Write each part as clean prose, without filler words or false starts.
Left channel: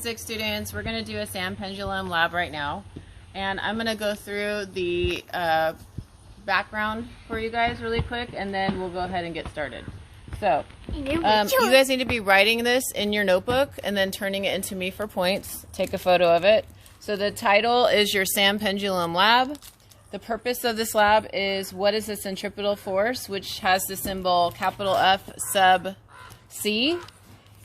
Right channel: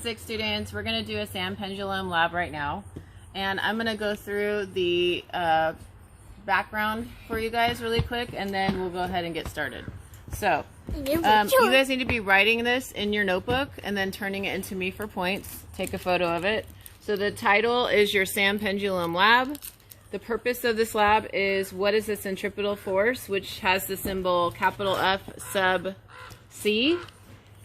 Physics students, we're going to do a sand pendulum lab right now, and I'm going to go through the background for you guys really quick, and then we'll go ahead and get started. So you guys need to be writing this in your notebook and then turning it into me for points. Take a photo of it. So the title is your sand pendulum lab. The purpose of this lab is what is the centripetal force, which has the symbol capital F sub C,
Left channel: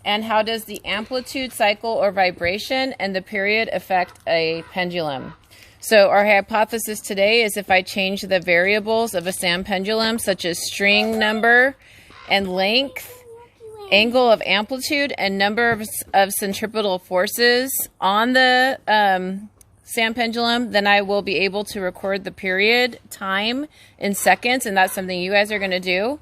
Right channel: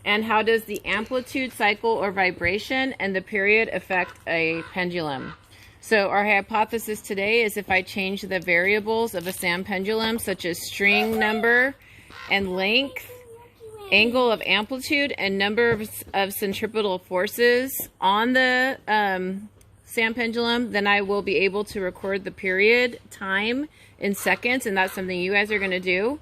and how does the amplitude, cycle, or vibration and the period affect a pendulum. So our hypothesis today is if I change the variables of a sand pendulum, such as string number and length, angle of amplitude, and number of centripetal forces on the sand pendulum, then I will be able to record the period time in seconds, and that's something you guys are going to do,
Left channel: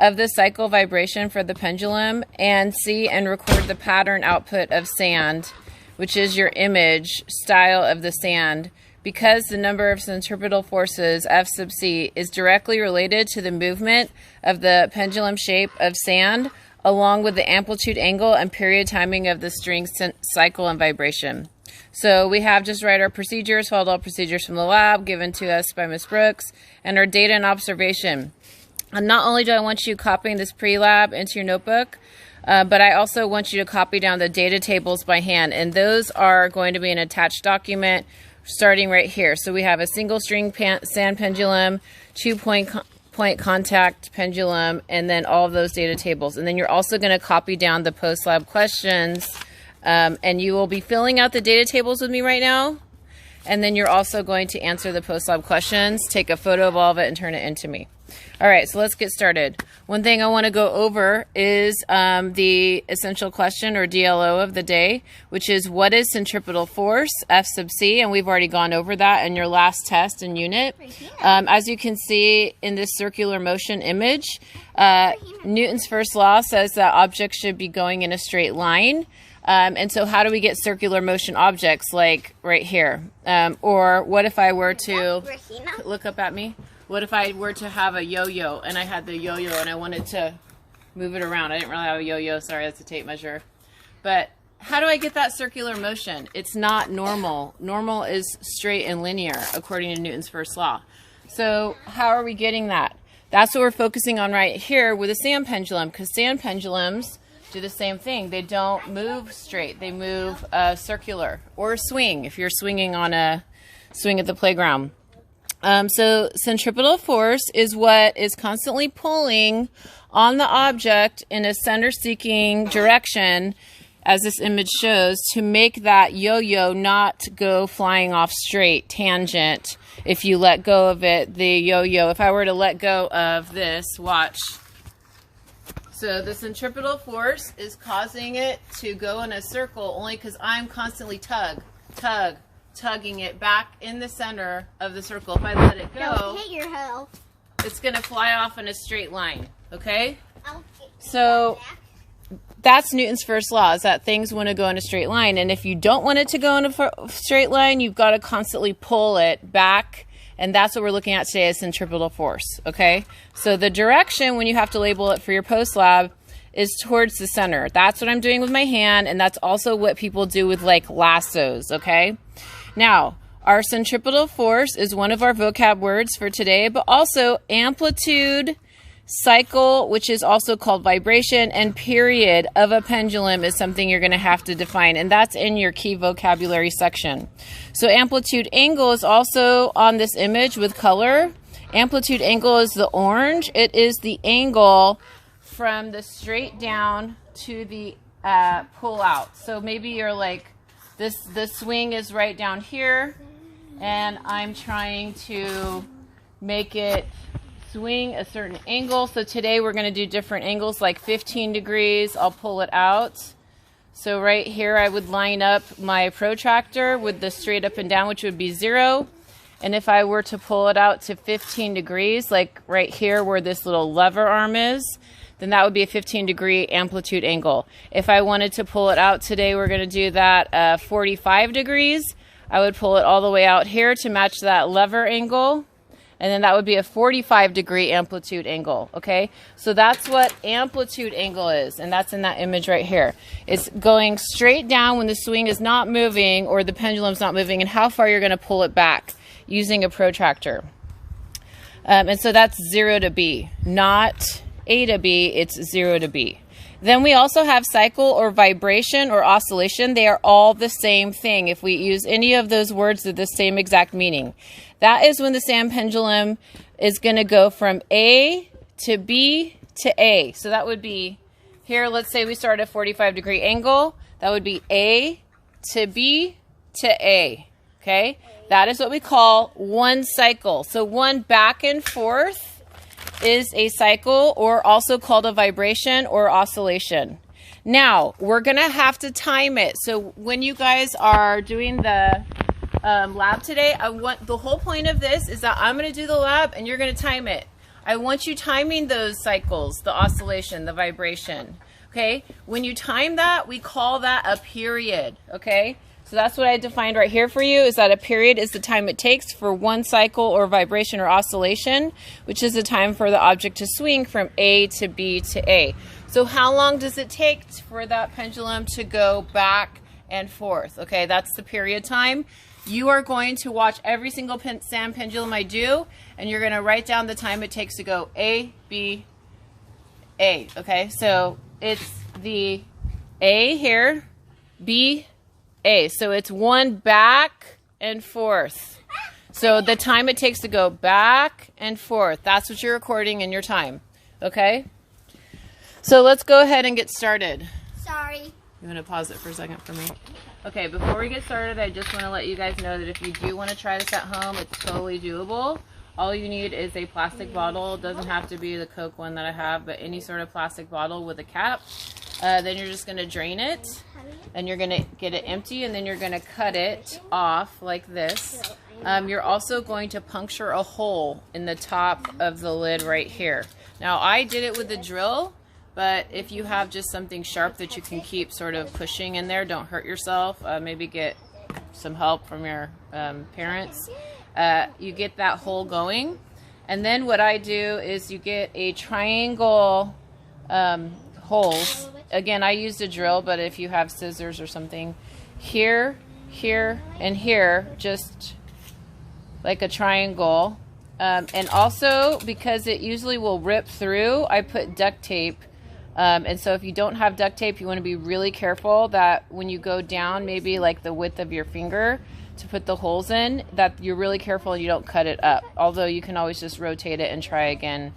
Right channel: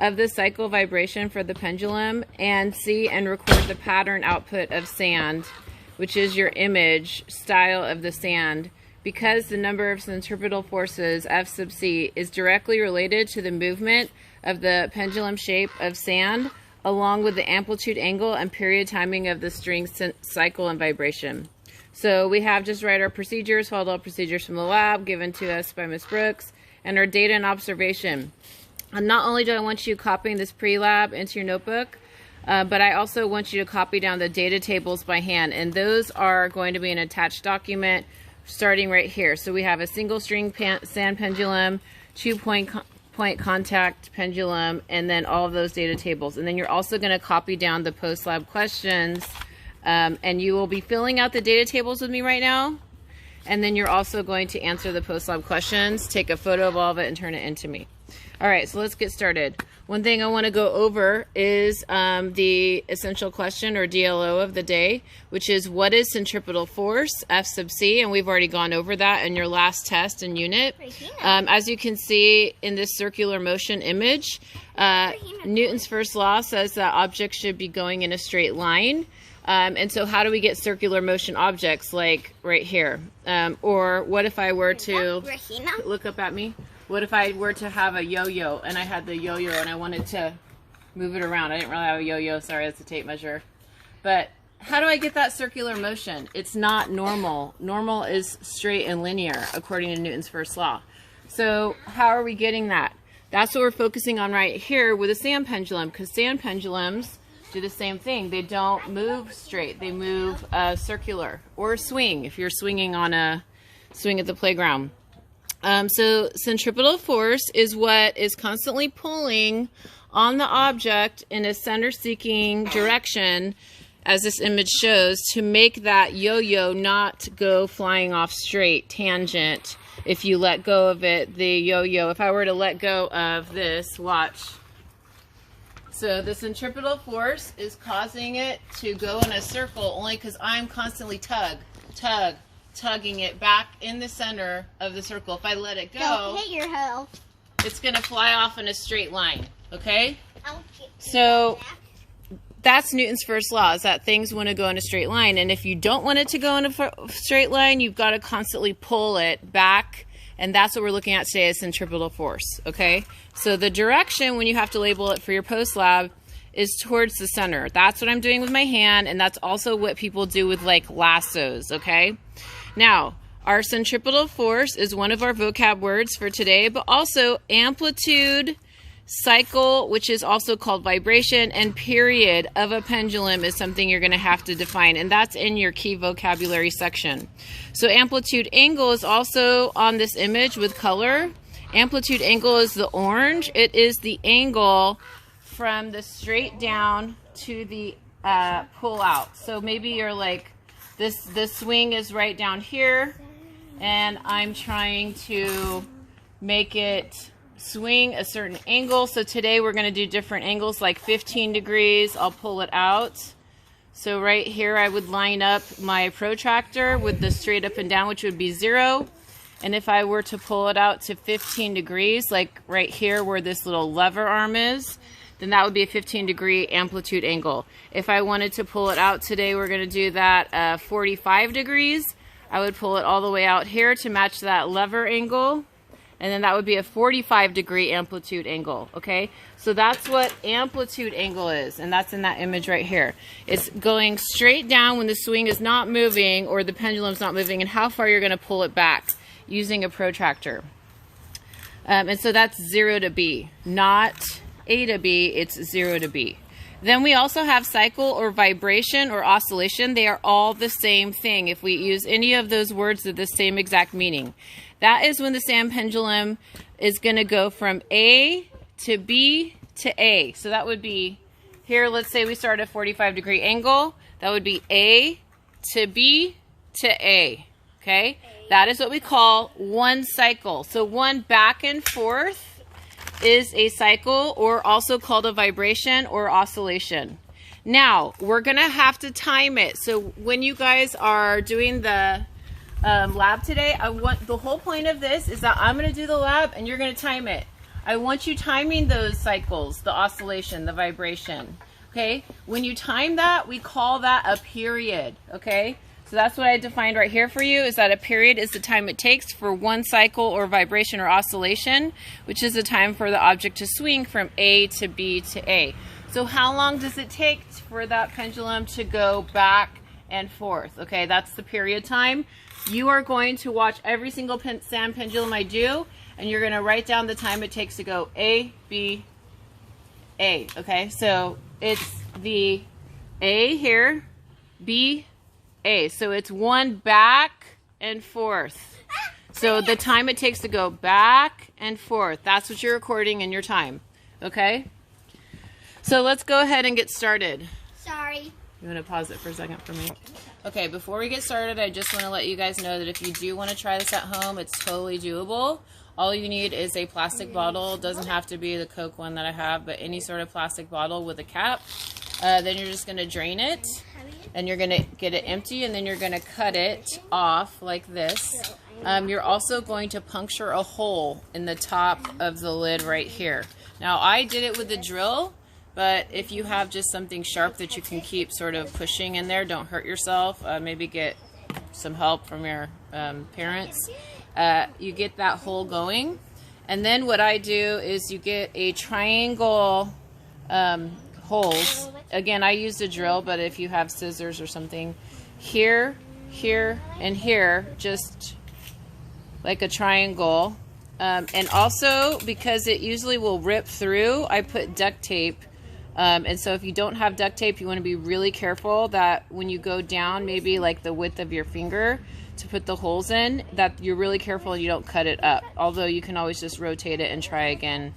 of the cycle vibration for the pendulum, and see and record the pattern output of sand, which is your image style of the sand, because the number of centripetal forces, F sub C, is directly related to the movement of the pendulum shape of sand, along with the amplitude, angle, and period timing of the string cycle and vibration. So we have just write our procedures, followed all procedures from the lab given to us by Ms. Brooks, and our data and observation. And not only do I want you copying this pre-lab into your notebook, but I also want you to copy down the data tables by hand, and those are going to be an attached document starting right here. So we have a single string sand pendulum, 2-point contact pendulum, and then all of those data tables. And then you're also going to copy down the post-lab questions, and you will be filling out the data tables with me right now. And then you're also going to answer the post-lab questions, take a photo of all of it, and turn it into me. All right, so let's get started. One thing I want to go over is the essential question, or DLO, of the day, which is what is centripetal force, F sub C, and we've already gone over that in your last test and unit. As you can see in this circular motion image, Newton's first law says that objects should be going in a straight line. And so how do we get circular motion objects like right here? Or what if I were to, look up at me, what if I were to have a yo-yo and I had the yo-yo and I wanted to move it around? I didn't really have a yo-yo, sorry, that's a tape measure. But how do I get that circular motion? It's not normal. Normal is straight and linear according to Newton's first law. So how are we getting that? That's what we're focusing on right here with a sand pendulum, because sand pendulums do the same thing. They don't move straight. They move circular, or swing if you're swinging on a swing at the playground. So centripetal force is what is constantly pulling on the object in a center-seeking direction, as this image shows, to make that yo-yo not go flying off straight, tangent. If you let go of it, the yo-yo, if I were to let go of this, watch. So the centripetal force is causing it to go in a circle only because I'm constantly tugging it back in the center of the circle. If I let it go, it's going to fly off in a straight line, okay? So that's Newton's first law, is that things want to go in a straight line. And if you don't want it to go in a straight line, you've got to constantly pull it back. And that's what we're looking at today, is centripetal force, okay? So the direction, when you have to label it for your post lab, is towards the center. That's what I'm doing with my hand, and that's also what people do with like lassos, okay? Now, our centripetal force is one of our vocab words for today, but also amplitude, cycle, which is also called vibration, and period of a pendulum is something you're going to have to define, and that's in your key vocabulary section. So amplitude, angle is also on this image with color. Amplitude, angle is the orange. It is the angle from the straight down to the pull out. So maybe you're like, the swing is right down here, and I'm trying to make it swing a certain angle. So today we're going to do different angles, like 15 degrees. I'll pull it out. So right here I would line up my protractor with the straight up and down, which would be 0. And if I were to pull it out to 15 degrees, like right here where this little lever arm is, then that would be a 15-degree amplitude angle. If I wanted to pull it out today, we're going to do that 45 degrees. I would pull it all the way out here to match that lever angle. and then that would be a 45-degree amplitude angle, okay? So that's what amplitude angle is, and that's in that image right here. It's going straight down when the swing is not moving or the pendulum's not moving, and how far you're going to pull it back using a protractor. And so that's 0 to B, not A to B, it's 0 to B. Then we also have cycle or vibration or oscillation. They are all the same thing. If we use any of those words with the same exact meaning. That is when the sand pendulum is going to go from A to B to A. So that would be here, let's say we start at a 45-degree angle. That would be A to B to A, okay? That is what we call one cycle. So one back and forth is a cycle, or also called a vibration or oscillation. Now, we're going to have to time it. So when you guys are doing the lab today, the whole point of this is that I'm going to do the lab and you're going to time it. I want you timing those cycles, the oscillation, the vibration, okay? When you time that, we call that a period, okay? So that's what I defined right here for you, is that a period is the time it takes for one cycle or vibration or oscillation, which is the time for the object to swing from A to B to A. So how long does it take for that pendulum to go back and forth? Okay, that's the period time. You are going to watch every single sand pendulum I do, and you're going to write down the time it takes to go A, B, A. Okay, so it's the A here, B, A. So it's one back and forth. So the time it takes to go back and forth, that's what you're recording in your time. Okay? So let's go ahead and get started. Sorry. You want to pause it for a second for me? Okay, before we get started, I just want to let you guys know that if you do want to try this at home, it's totally doable. All you need is a plastic bottle. It doesn't have to be the Coke one that I have, but any sort of plastic bottle with a cap. Then you're just going to drain it, and you're going to get it empty, and then you're going to cut it off like this. You're also going to puncture a hole in the top of the lid right here. Now, I did it with a drill, but if you have just something sharp that you can keep sort of pushing in there, don't hurt yourself. Maybe get some help from your parents. You get that hole going, and then what I do is you get a triangle holes. Again, I used a drill, but if you have scissors or something, here, here, and here, just like a triangle. And also, because it usually will rip through, I put duct tape. And so if you don't have duct tape, you want to be really careful that when you go down, maybe like the width of your finger to put the holes in, that you're really careful and you don't cut it up. Although you can always just rotate it and try again.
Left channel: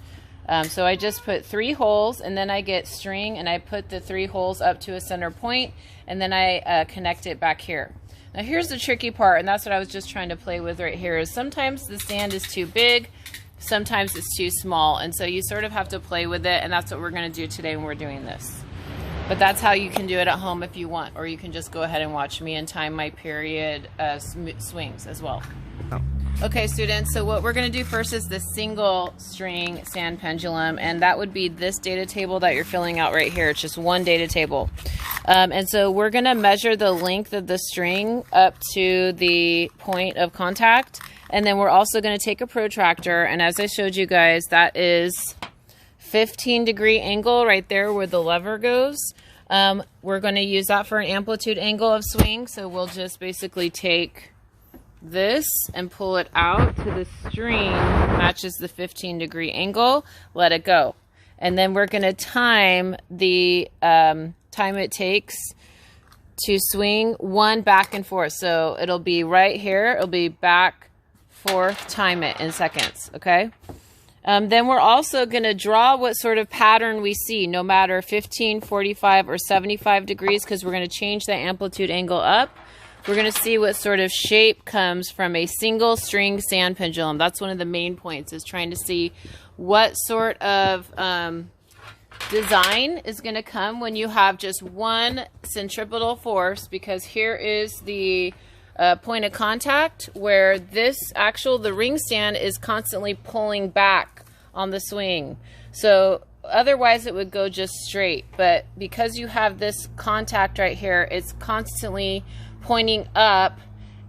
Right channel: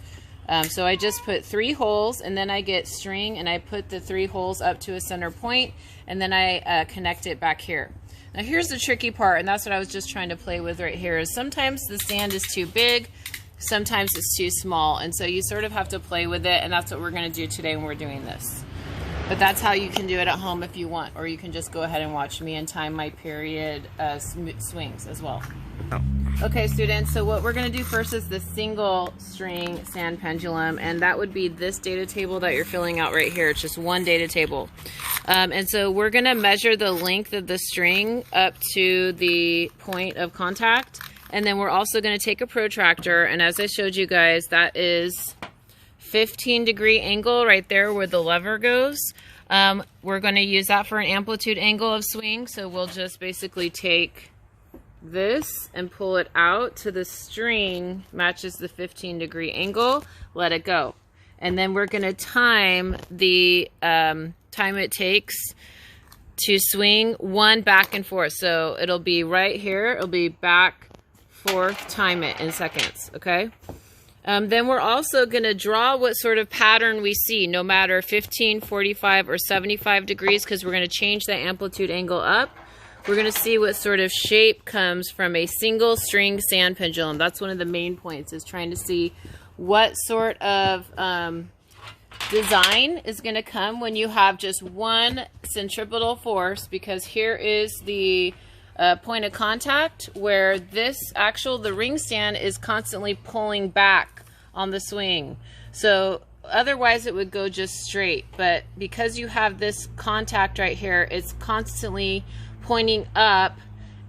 So I just put 3 holes, and then I get string and I put the 3 holes up to a center point, and then I connect it back here. Now here's the tricky part, and that's what I was just trying to play with right here, is sometimes the sand is too big, sometimes it's too small, and so you sort of have to play with it, and that's what we're going to do today when we're doing this. But that's how you can do it at home if you want, or you can just go ahead and watch me and time my period swings as well. Okay, students, so what we're going to do first is the single string sand pendulum, and that would be this data table that you're filling out right here. It's just one data table. And so we're going to measure the length of the string up to the point of contact, and then we're also going to take a protractor, and as I showed you guys, that is 15-degree angle right there where the lever goes. We're going to use that for an amplitude angle of swing, so we'll just basically take this and pull it out to the string matches the 15-degree angle, let it go, and then we're going to time the time it takes to swing one back and forth. So it'll be right here, it'll be back, forth, time it in seconds. Okay, then we're also going to draw what sort of pattern we see, no matter 15, 45, or 75 degrees, because we're going to change the amplitude angle up. We're going to see what sort of shape comes from a single string sand pendulum. That's one of the main points, is trying to see what sort of design is going to come when you have just one centripetal force, because here is the point of contact where the ring stand is constantly pulling back on the swing. So otherwise it would go just straight, but because you have this contact right here, it's constantly pointing up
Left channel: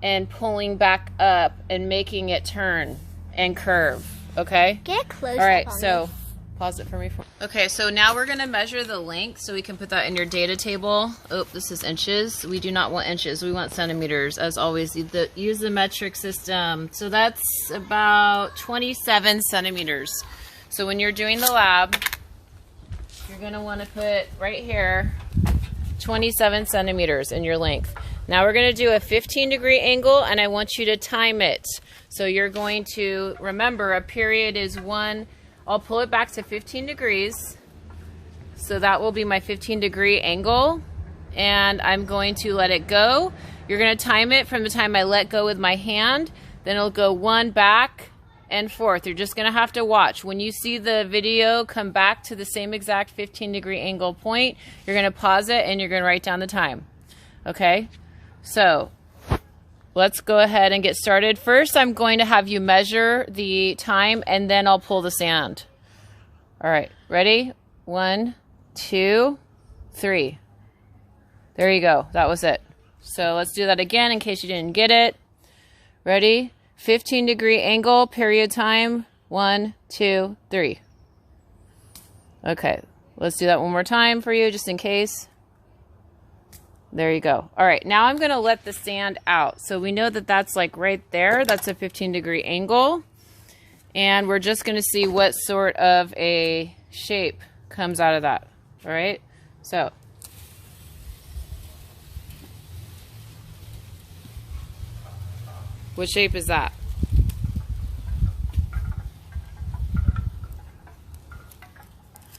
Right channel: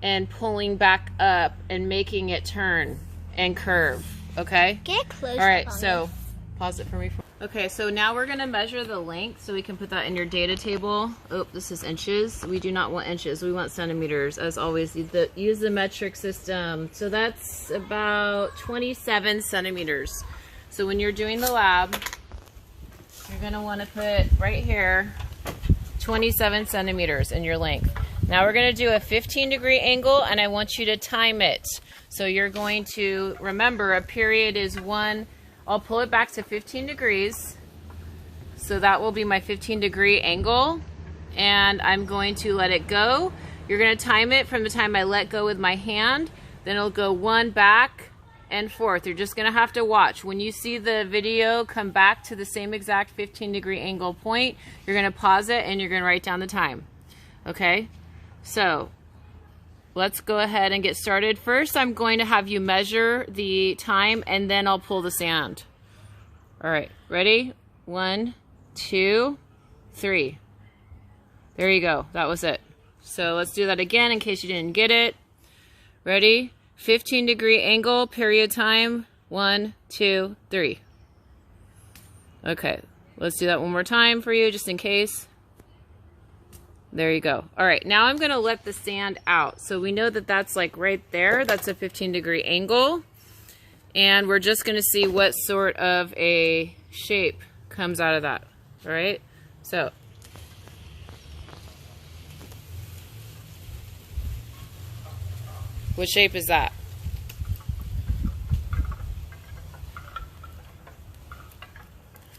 and pulling back up and making it turn. and curve. Okay? Get close. All right, so pause it for me. Okay, so now we're going to measure the length so we can put that in your data table. Oh, this is inches. We do not want inches. We want centimeters. As always, use the metric system. So that's about 27 centimeters. So when you're doing the lab, you're going to want to put right here 27 centimeters in your length. Now we're going to do a 15-degree angle, and I want you to time it. So you're going to remember a period is 1. I'll pull it back to 15 degrees. So that will be my 15-degree angle. And I'm going to let it go. You're going to time it from the time I let go with my hand. Then it'll go 1 back and forth. You're just going to have to watch. When you see the video come back to the same exact 15-degree angle point, you're going to pause it and you're going to write down the time. Okay? So let's go ahead and get started. First, I'm going to have you measure the time, and then I'll pull the sand. All right, ready? 1, 2, 3. There you go. That was it. So let's do that again in case you didn't get it. Ready? 15-degree angle, period time. 1, 2, 3. Okay, let's do that one more time for you just in case. There you go. All right, now I'm going to let the sand out. So we know that that's like right there. That's a 15-degree angle. And we're just going to see what sort of a shape comes out of that. All right, so. What shape is that?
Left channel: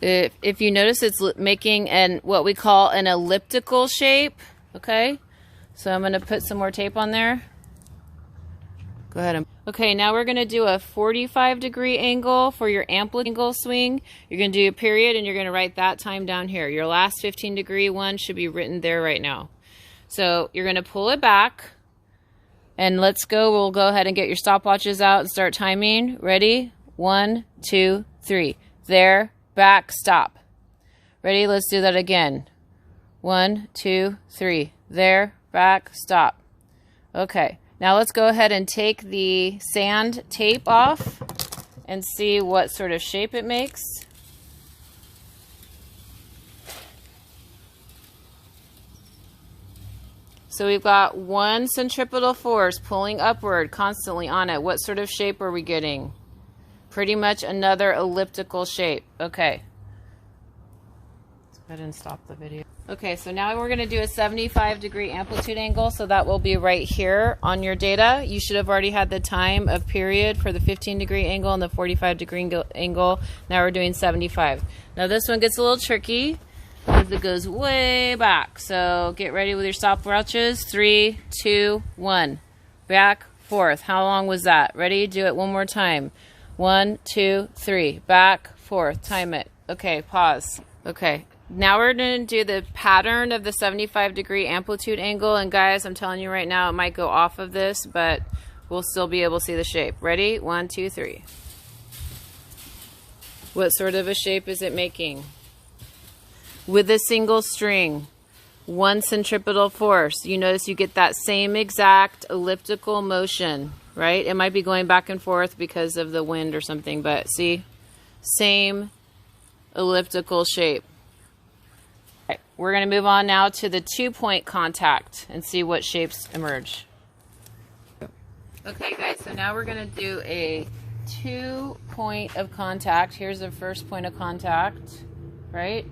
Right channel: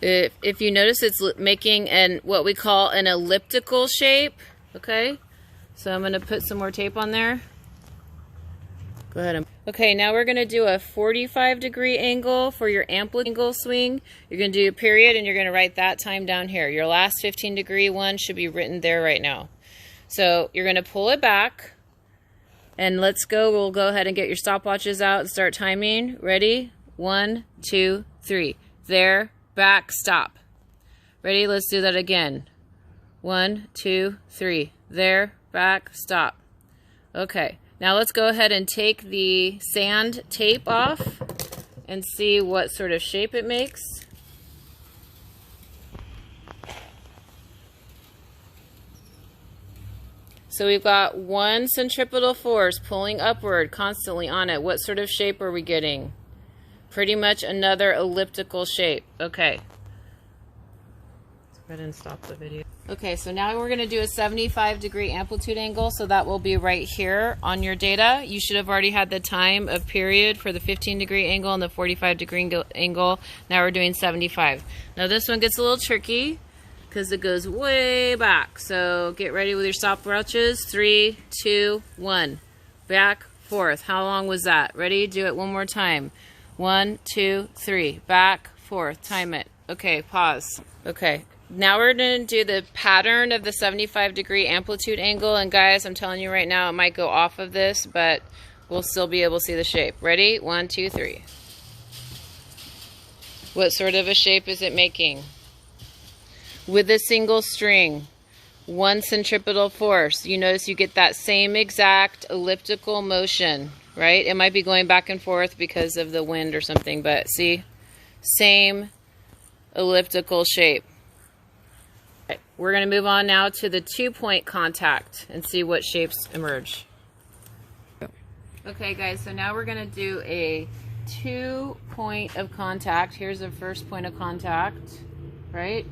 If you notice, it's making what we call an elliptical shape. Okay, so I'm going to put some more tape on there. Go ahead. Okay, now we're going to do a 45-degree angle for your amplitude angle swing. You're going to do a period, and you're going to write that time down here. Your last 15-degree one should be written there right now. So you're going to pull it back, and let's go. We'll go ahead and get your stopwatches out and start timing. Ready? 1, 2, 3. There. Back, stop. Ready? Let's do that again. 1, 2, 3. There, back, stop. Okay, now let's go ahead and take the sand tape off and see what sort of shape it makes. So we've got 1 centripetal force pulling upward constantly on it. What sort of shape are we getting? Pretty much another elliptical shape. Okay. Let's go ahead and stop the video. Okay, so now we're going to do a 75-degree amplitude angle, so that will be right here on your data. You should have already had the time of period for the 15-degree angle and the 45-degree angle. Now we're doing 75. Now this one gets a little tricky because it goes way back. So get ready with your stopwatches. 3, 2, 1. Back, forth. How long was that? Ready? Do it one more time. 1, 2, 3. Back, forth. Time it. Okay, pause. Okay, now we're going to do the pattern of the 75-degree amplitude angle. And guys, I'm telling you right now, it might go off of this, but we'll still be able to see the shape. Ready? 1, 2, 3. What sort of a shape is it making? With a single string, 1 centripetal force. You notice you get that same exact elliptical motion. Right? It might be going back and forth because of the wind or something, but see? Same elliptical shape. Right. We're going to move on now to the 2-point contact and see what shapes emerge. Okay guys, so now we're going to do a 2-point of contact. Here's the first point of contact, right?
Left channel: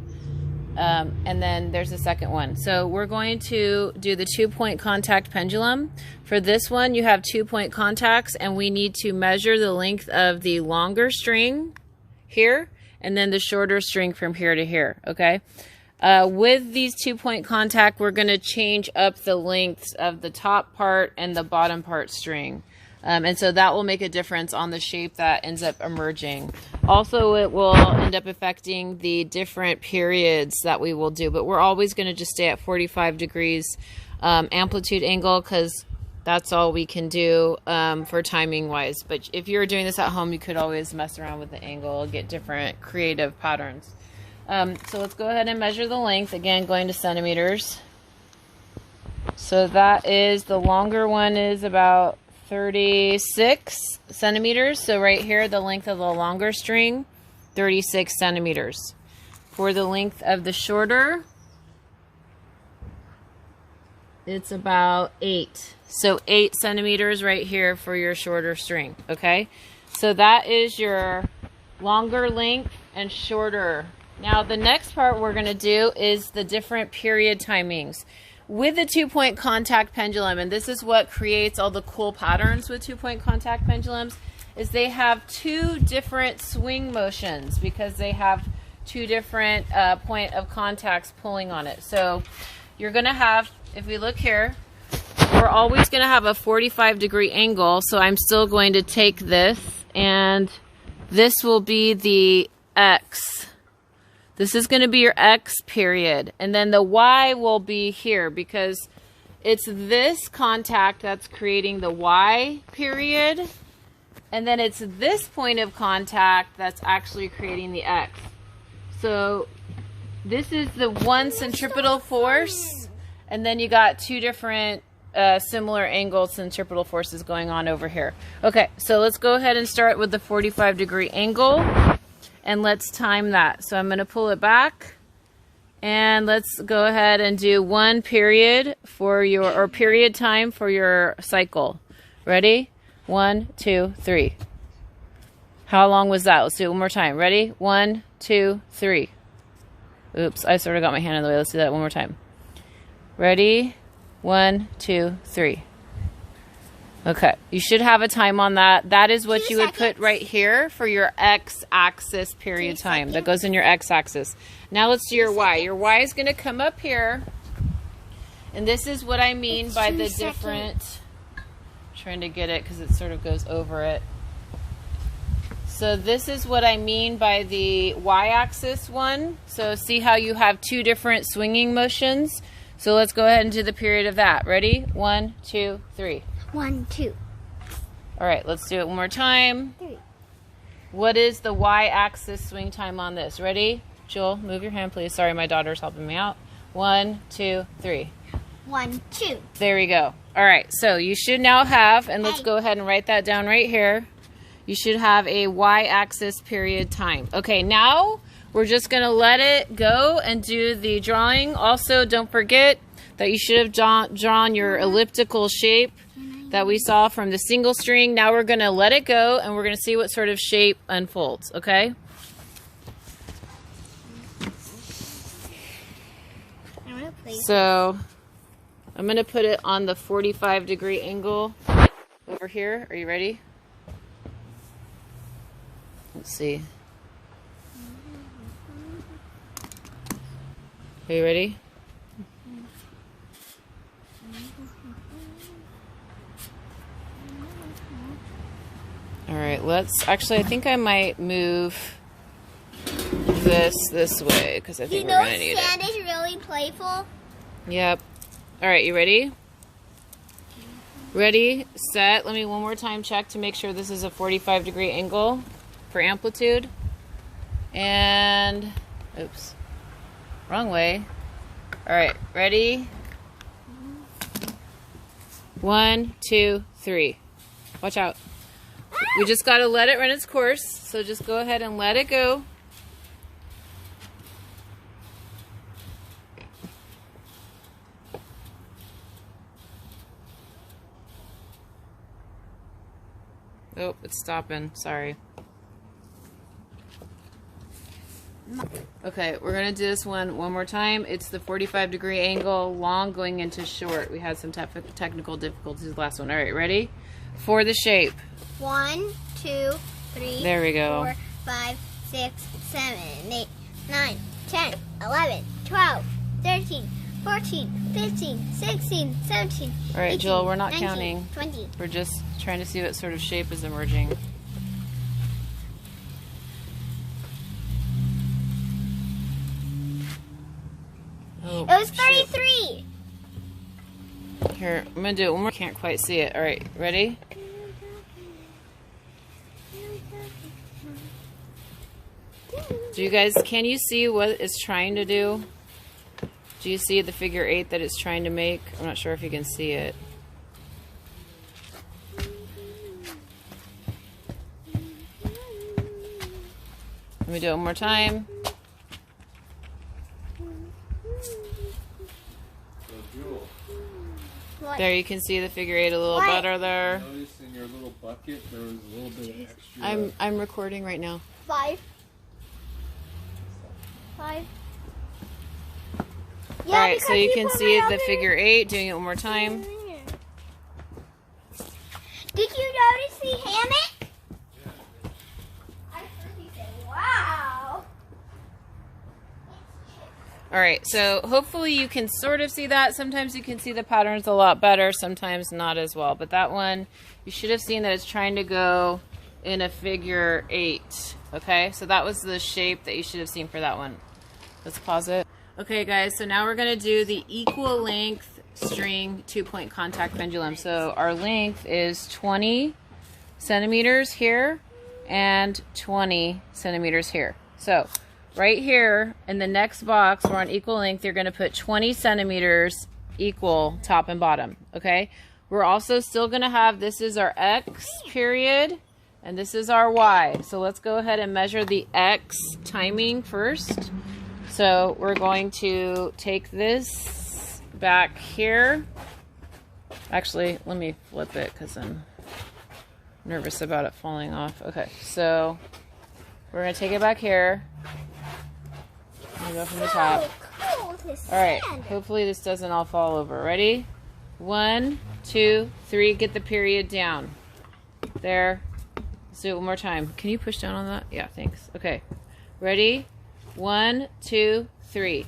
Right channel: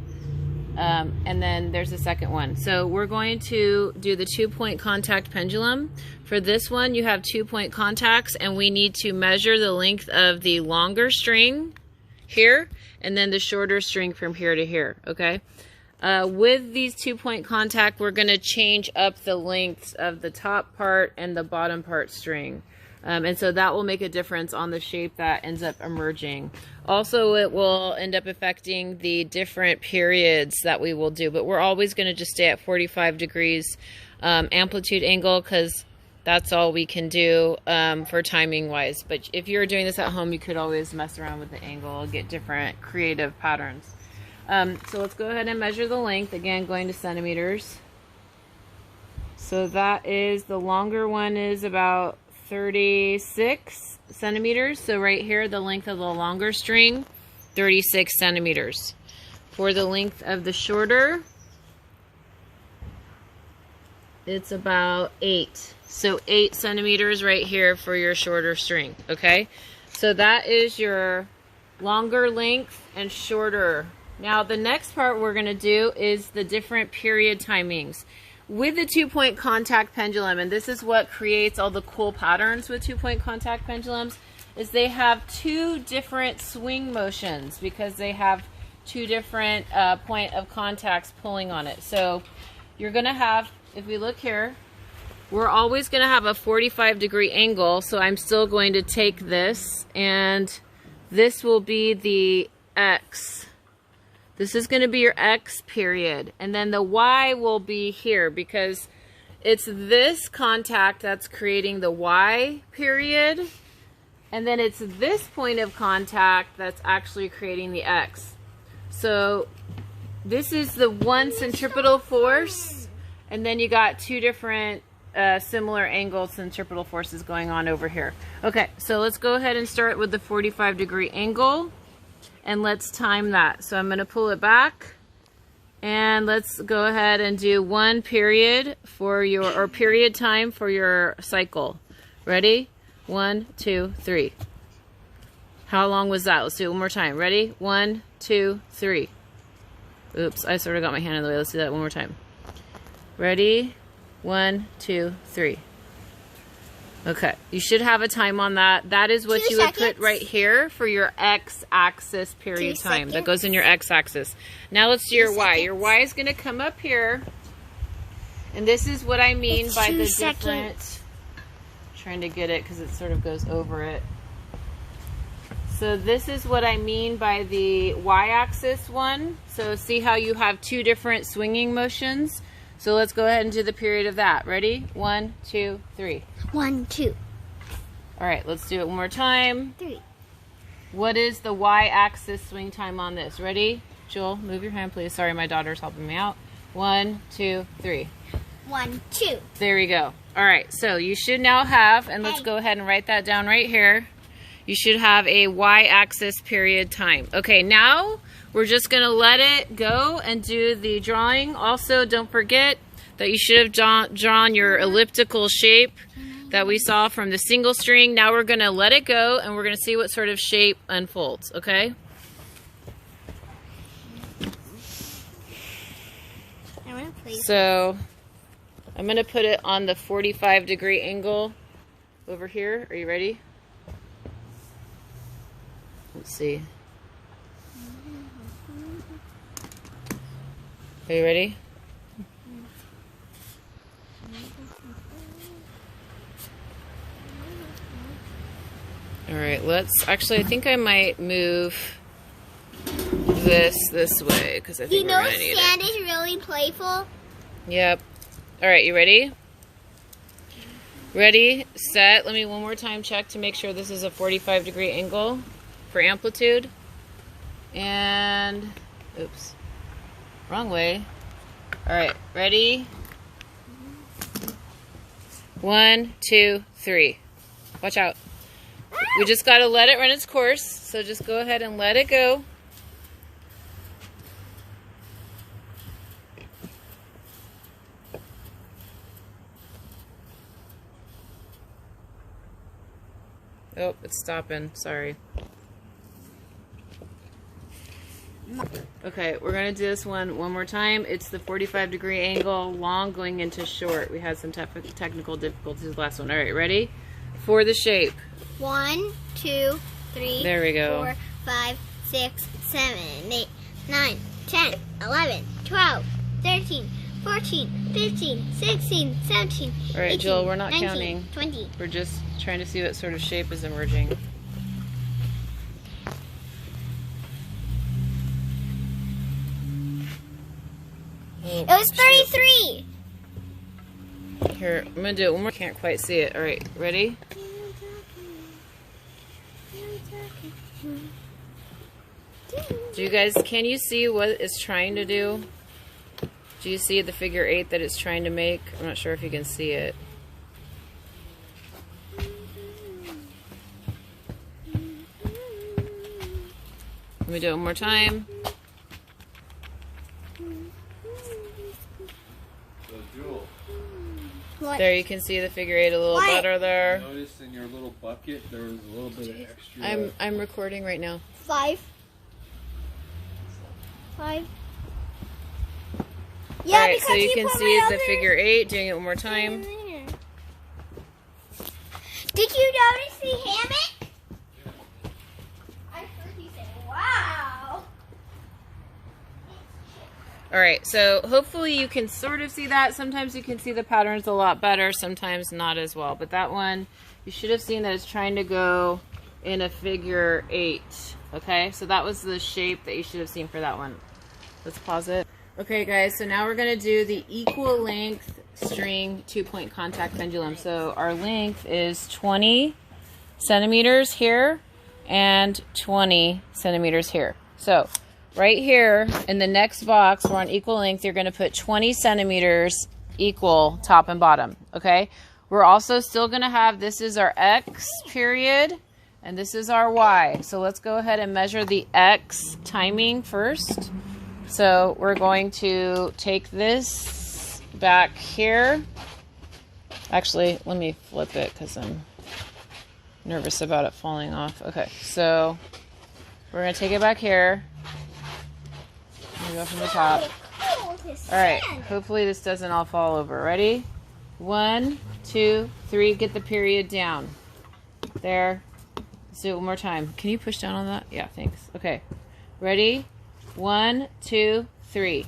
And then there's the second one. So we're going to do the 2-point contact pendulum. For this one, you have 2-point contacts, and we need to measure the length of the longer string here, and then the shorter string from here to here, okay? With these 2-point contact, we're going to change up the lengths of the top part and the bottom part string. And so that will make a difference on the shape that ends up emerging. Also, it will end up affecting the different periods that we will do, but we're always going to just stay at 45 degrees amplitude angle because that's all we can do for timing wise. But if you're doing this at home, you could always mess around with the angle, get different creative patterns. So let's go ahead and measure the length, again going to centimeters. So that is, the longer one is about 36 centimeters. So right here, the length of the longer string, 36 centimeters. For the length of the shorter, it's about 8. So 8 centimeters right here for your shorter string, okay? So that is your longer length and shorter. Now the next part we're gonna do is the different period timings. With the 2-point contact pendulum, and this is what creates all the cool patterns with 2-point contact pendulums, is they have 2 different swing motions because they have 2 different point of contacts pulling on it. So you're gonna have, if we look here, we're always gonna have a 45-degree angle. So I'm still going to take this, and this will be the X. This is going to be your X period. And then the Y will be here because it's this contact that's creating the Y period. And then it's this point of contact that's actually creating the X. So this is the one centripetal force. And then you got 2 different similar angle centripetal forces going on over here. Okay, so let's go ahead and start with the 45-degree angle. And let's time that. So I'm going to pull it back, and let's go ahead and do 1 period for your, or period time for your cycle. Ready? 1, 2, 3. How long was that? Let's do it one more time. Ready? 1, 2, 3. Oops, I sort of got my hand in the way. Let's do that one more time. Ready? 1, 2, 3. Okay, you should have a time on that. That is what you would put right here for your X-axis period time. That goes in your X-axis. Now let's do your Y. Your Y is going to come up here. And this is what I mean by the different... Trying to get it because it sort of goes over it. So this is what I mean by the Y-axis one. So see how you have 2 different swinging motions? So let's go ahead and do the period of that. Ready? 1, 2, 3. 1, 2. All right, let's do it one more time. 3. What is the Y-axis swing time on this? Ready? Joel, move your hand, please. Sorry, my daughter's helping me out. 1, 2, 3. 1, 2. There we go. All right, so you should now have, and let's go ahead and write that down right here. You should have a Y-axis period time. Okay, now we're just going to let it go and do the drawing. Also, don't forget that you should have drawn your elliptical shape that we saw from the single string. Now we're going to let it go, and we're going to see what sort of shape unfolds, okay? So I'm going to put it on the 45-degree angle over here. Are you ready? Let's see. Are you ready? All right, let's, actually, I think I might move this way because I think we're going to need it. Sand is really playful. Yep. All right, you ready? Ready, set. Let me one more time check to make sure this is a 45-degree angle for amplitude. And, oops, wrong way. All right, ready? 1, 2, 3. Watch out. We just got to let it run its course, so just go ahead and let it go. Oh, it's stopping. Sorry. Okay, we're going to do this one more time. It's the 45-degree angle, long going into short. We had some technical difficulties last one. All right, ready? For the shape. 1, 2, 3, there we go. 4, 5, 6, 7, 8, 9, 10, 11, 12, 13, 14, 15, 16, 17, all right, 18, Joel, we're not 19, counting. 20. We're just trying to see what sort of shape is emerging. Oh, It was 33. Here, I'm going to do it one more. Can't quite see it. All right, ready? Do you guys, can you see what it's trying to do? Do you see the figure 8 that it's trying to make? I'm not sure if you can see it. Let me do it one more time. So, Jewel, What? There, you can see the figure 8 a little What? better there. notice in your little bucket there was a little bit of extra. I'm recording right now. 5. 5. All right, so you can put see my the other- figure 8. Doing it one more time. Did you notice the hammock? I heard you say, wow. All right, so hopefully you can sort of see that. Sometimes you can see the patterns a lot better, sometimes not as well. But that one, you should have seen that it's trying to go in a figure 8. Okay, so that was the shape that you should have seen for that one. Let's pause it. Okay, guys, so now we're going to do the equal length string 2-point contact pendulum. So our length is 20 centimeters here and 20 centimeters here. So right here in the next box, we're on equal length. You're going to put 20 centimeters equal top and bottom. Okay. We're also still going to have, this is our X period and this is our Y. So let's go ahead and measure the X timing first. So we're going to take this back here. Actually, let me flip it because I'm nervous about it falling off. Okay, so we're going to take it back here. I'm going to go from the top. Cool, All right, hopefully this doesn't all fall over. Ready? 1, 2, 3. Get the period down. There. Let's do it one more time. Can you push down on that? Yeah, thanks. Okay. Ready? 1, 2, 3.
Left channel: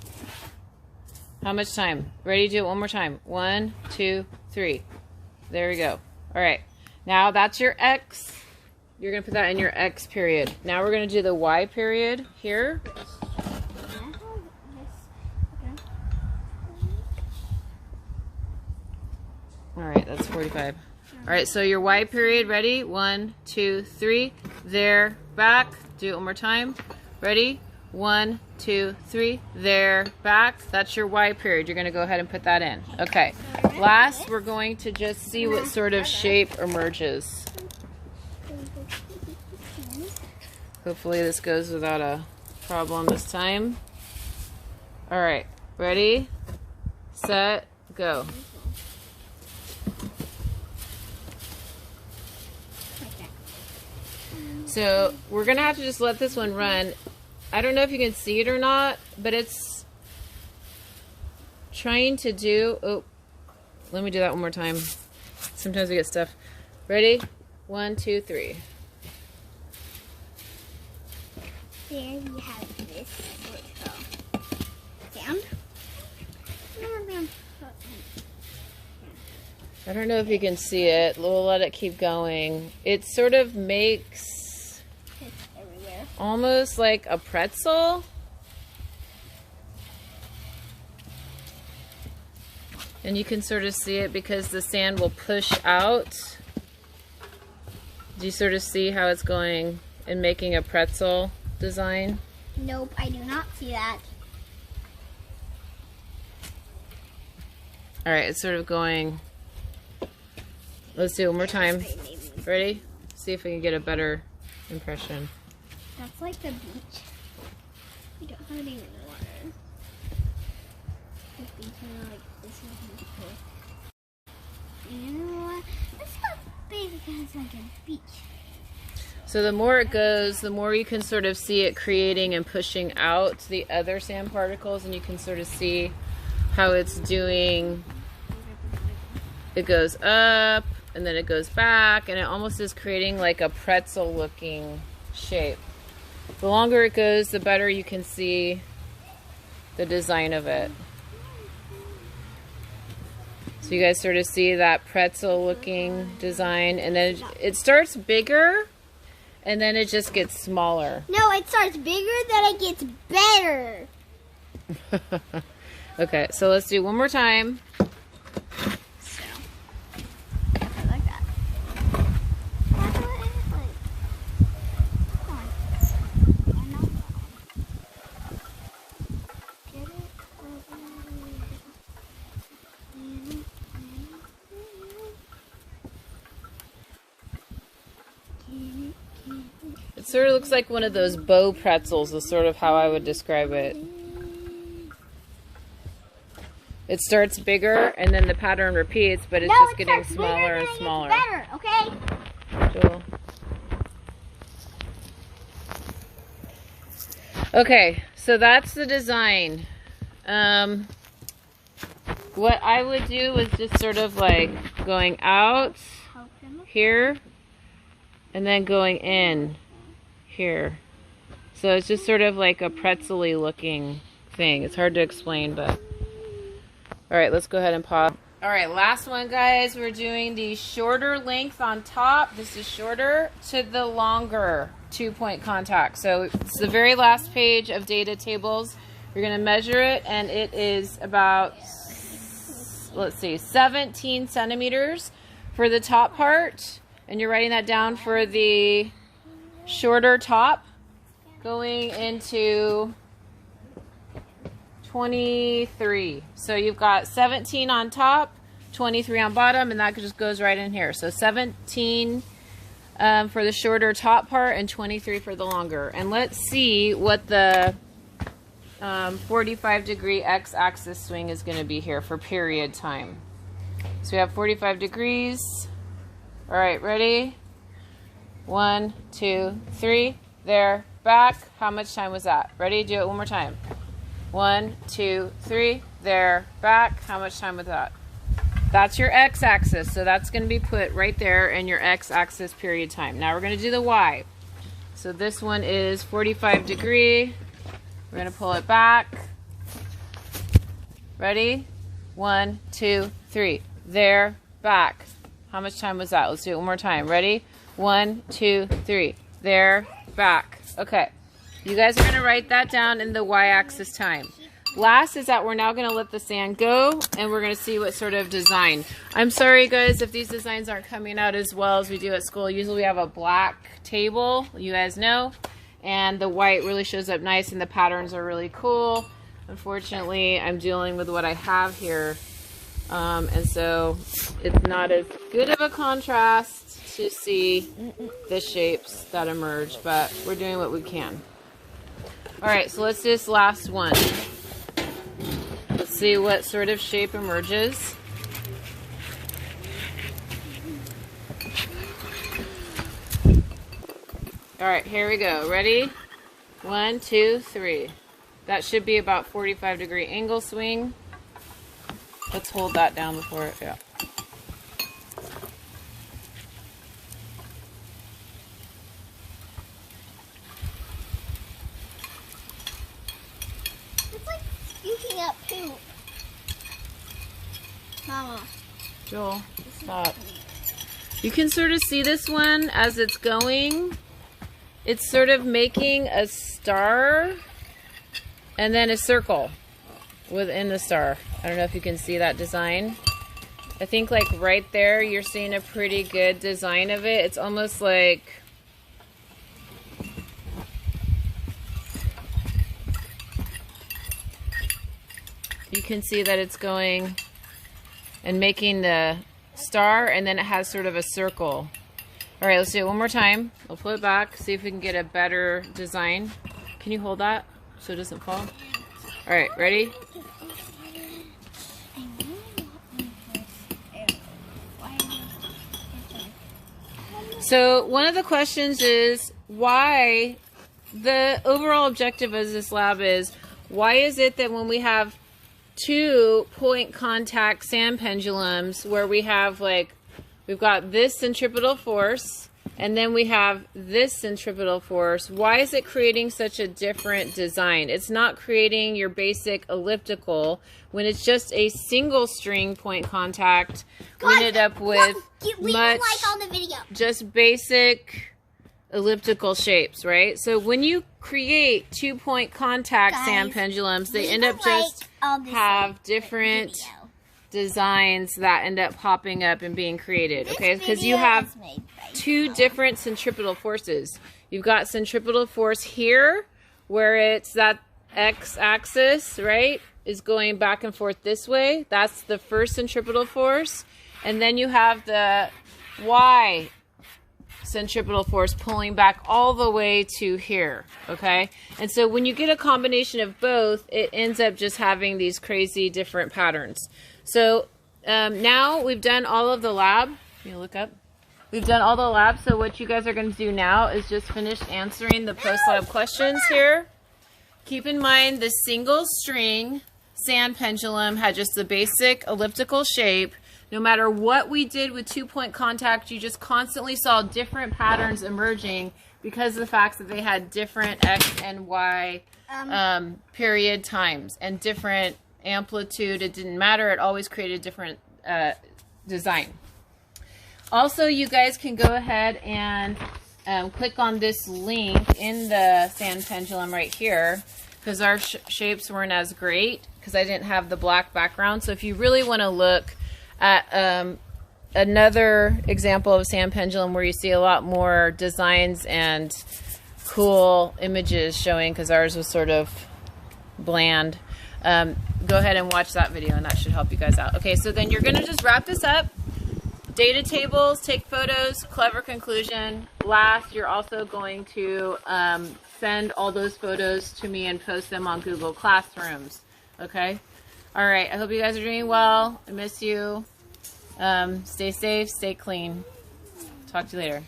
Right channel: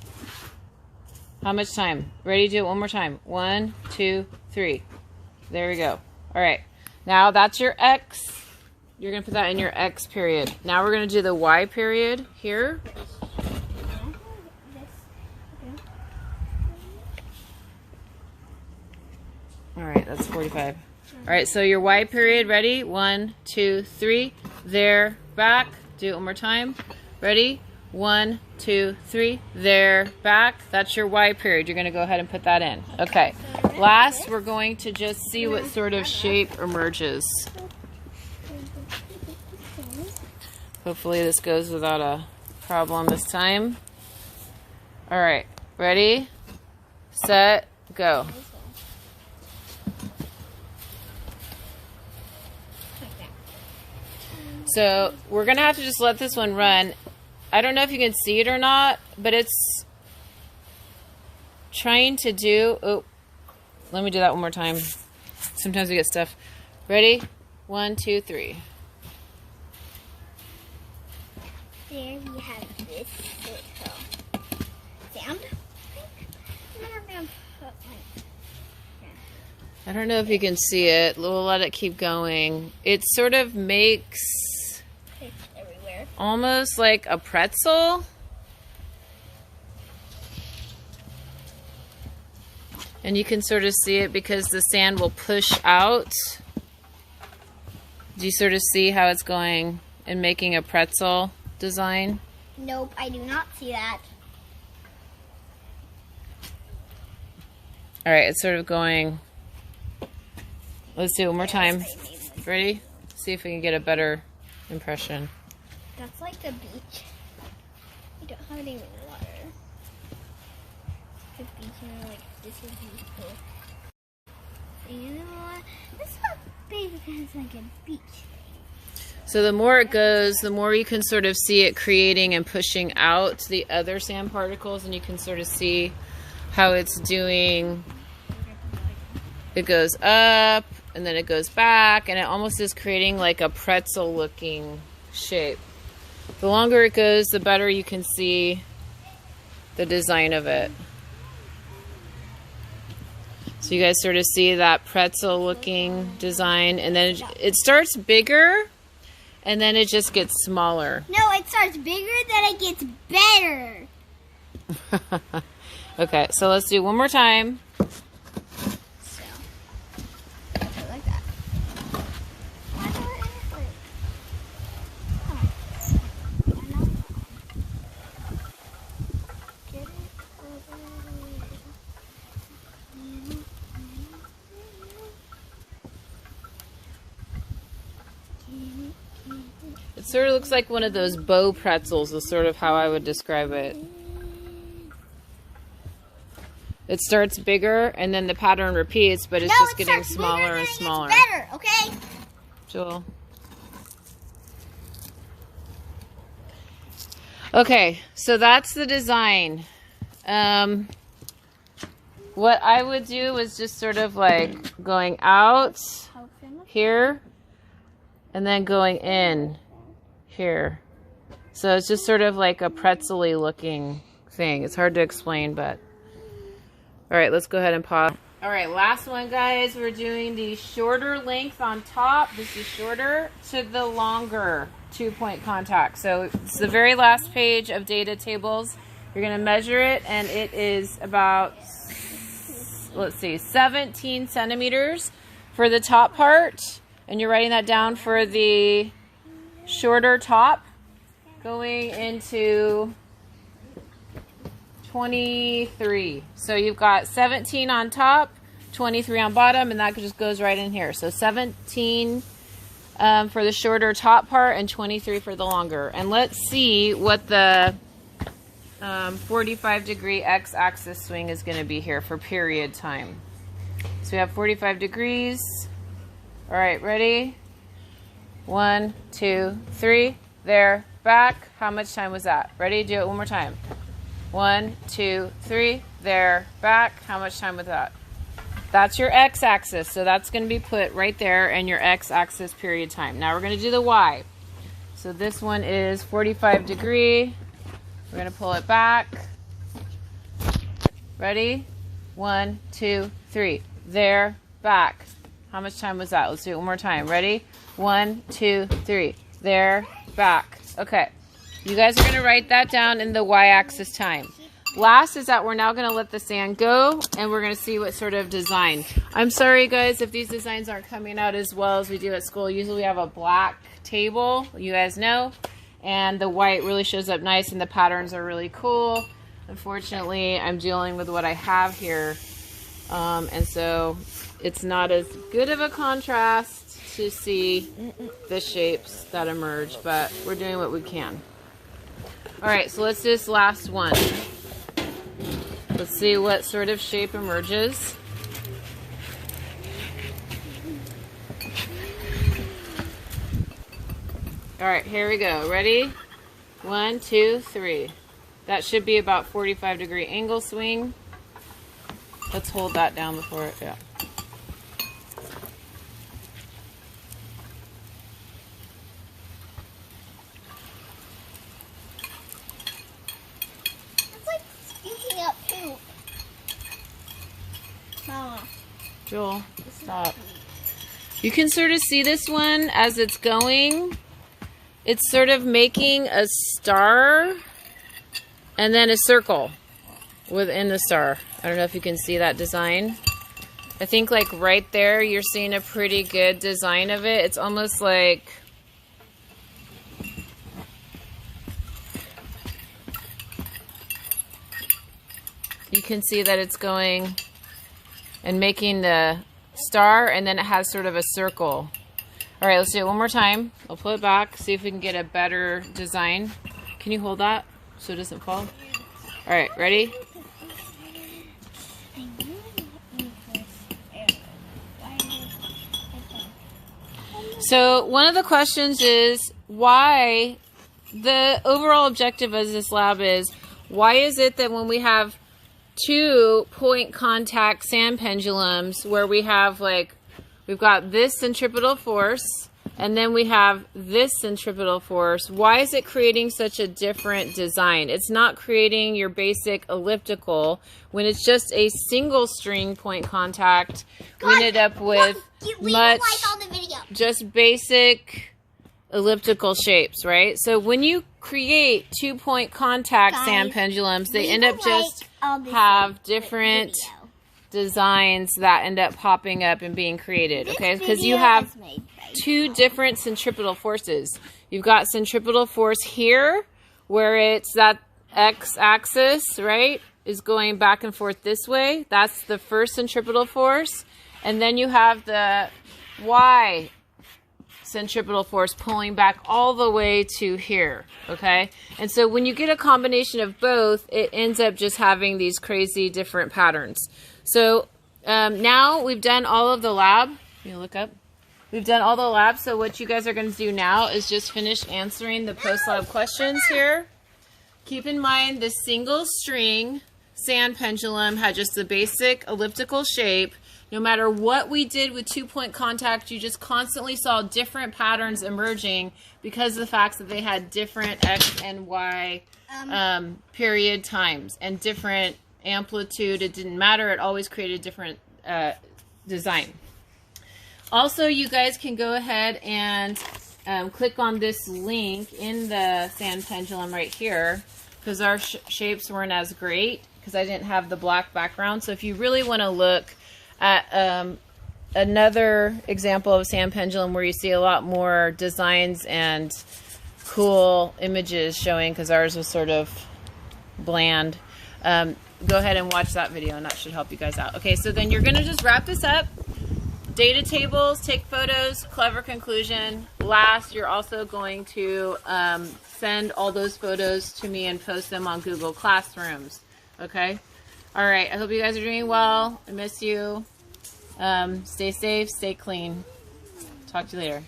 How much time? Ready? Do it one more time. 1, 2, 3. There we go. All right. Now that's your X. You're going to put that in your X period. Now we're going to do the Y period here. All right, that's 45. All right, so your Y period, ready? 1, 2, 3. There, back. Do it one more time. Ready? 1, 2, 3. There, back. That's your Y period. You're going to go ahead and put that in. Okay. Last, we're going to just see what sort of shape emerges. Hopefully this goes without a problem this time. All right. Ready? Set, go. So we're going to have to just let this one run. I don't know if you can see it or not, but it's trying to do... Oh, let me do that one more time. Sometimes we get stuff. Ready? 1, 2, 3. There we have this little sound. I don't know if you can see it. We'll let it keep going. It sort of makes It's everywhere. almost like a pretzel. And you can sort of see it because the sand will push out. Do you sort of see how it's going and making a pretzel design? Nope, I do not see that. All right, it's sort of going. Let's do it one more time. Ready? See if we can get a better impression. That's like the beach. We don't have any water. The beach, you know, like this is beautiful. And you know what? This is basically has like a beach. So the more it goes, the more you can sort of see it creating and pushing out the other sand particles, and you can sort of see how it's doing. It goes up and then it goes back, and it almost is creating like a pretzel looking shape. The longer it goes, the better you can see the design of it. So you guys sort of see that pretzel looking design, and then it starts bigger and then it just gets smaller. No, it starts bigger, then it gets better. Okay, so let's do one more time. So, like that. It's sort of looks like one of those bow pretzels is sort of how I would describe it. It starts bigger and then the pattern repeats, but it's just getting smaller and smaller. It's better, okay? Jewel. Okay, so that's the design. What I would do is just sort of like going out here and then going in here. So it's just sort of like a pretzel-y looking thing. It's hard to explain, but... All right, let's go ahead and pause. All right, last one, guys. We're doing the shorter length on top. This is shorter to the longer 2-point contact. So it's the very last page of data tables. You're going to measure it, and it is about, let's see, 17 centimeters for the top part. And you're writing that down for the shorter top going into 23. So you've got 17 on top, 23 on bottom, and that just goes right in here. So 17 for the shorter top part and 23 for the longer. And let's see what the 45-degree x-axis swing is going to be here for period time. So we have 45 degrees. All right, ready? 1, 2, 3. There, back. How much time was that? Ready? Do it one more time. 1, 2, 3. There, back. How much time was that? That's your x-axis. So that's going to be put right there in your x-axis period time. Now we're going to do the y. So this one is 45 degree. We're going to pull it back. Ready? 1, 2, 3. There, back. How much time was that? Let's do it one more time. Ready? 1, 2, 3. There, back. Okay. You guys are going to write that down in the y-axis time. Last is that we're now going to let the sand go, and we're going to see what sort of design. I'm sorry, guys, if these designs aren't coming out as well as we do at school. Usually we have a black table, you guys know, and the white really shows up nice, and the patterns are really cool. Unfortunately, I'm dealing with what I have here. And so it's not as good of a contrast to see the shapes that emerge, but we're doing what we can. All right, so let's do this last one. Let's see what sort of shape emerges. All right, here we go. Ready? 1, 2, 3. That should be about 45-degree angle swing. Let's hold that down before it, yeah. It's like squeaking up poop. Mama. Joel, stop. You can sort of see this one as it's going. It's sort of making a star and then a circle within the star. I don't know if you can see that design. I think like right there you're seeing a pretty good design of it. It's almost like you can see that it's going and making the star, and then it has sort of a circle. All right, let's do it one more time. I'll pull it back, see if we can get a better design. Can you hold that so it doesn't fall? All right, ready? So one of the questions is why, the overall objective of this lab is, why is it that when we have 2-point contact sand pendulums where we have like, we've got this centripetal force and then we have this centripetal force, why is it creating such a different design? It's not creating your basic elliptical. When it's just a single string point contact, we ended up with much just basic elliptical shapes, right? So when you create 2-point contact sand pendulums, they end up just have different designs that end up popping up and being created, okay? Because you have 2 different centripetal forces. You've got centripetal force here, where it's that x-axis, right, is going back and forth this way. That's the first centripetal force. And then you have the y centripetal force pulling back all the way to here, okay? And so when you get a combination of both, it ends up just having these crazy different patterns. So now we've done all of the lab. Can you look up? We've done all the lab, so what you guys are going to do now is just finish answering the post-lab questions here. Keep in mind the single string sand pendulum had just the basic elliptical shape. No matter what we did with 2-point contact, you just constantly saw different patterns emerging because of the fact that they had different X and Y period times and different amplitude. It didn't matter. It always created different design. Also, you guys can go ahead and click on this link in the sand pendulum right here because our shapes weren't as great because I didn't have the black background. So if you really want to look at another example of sand pendulum where you see a lot more designs and cool images showing, because ours was sort of bland, go ahead and watch that video and that should help you guys out. Okay, so then you're going to just wrap this up. Data tables, take photos, clever conclusion. Last, you're also going to send all those photos to me and post them on Google Classrooms. Okay? All right, I hope you guys are doing well. I miss you. Stay safe, stay clean. Talk to you later.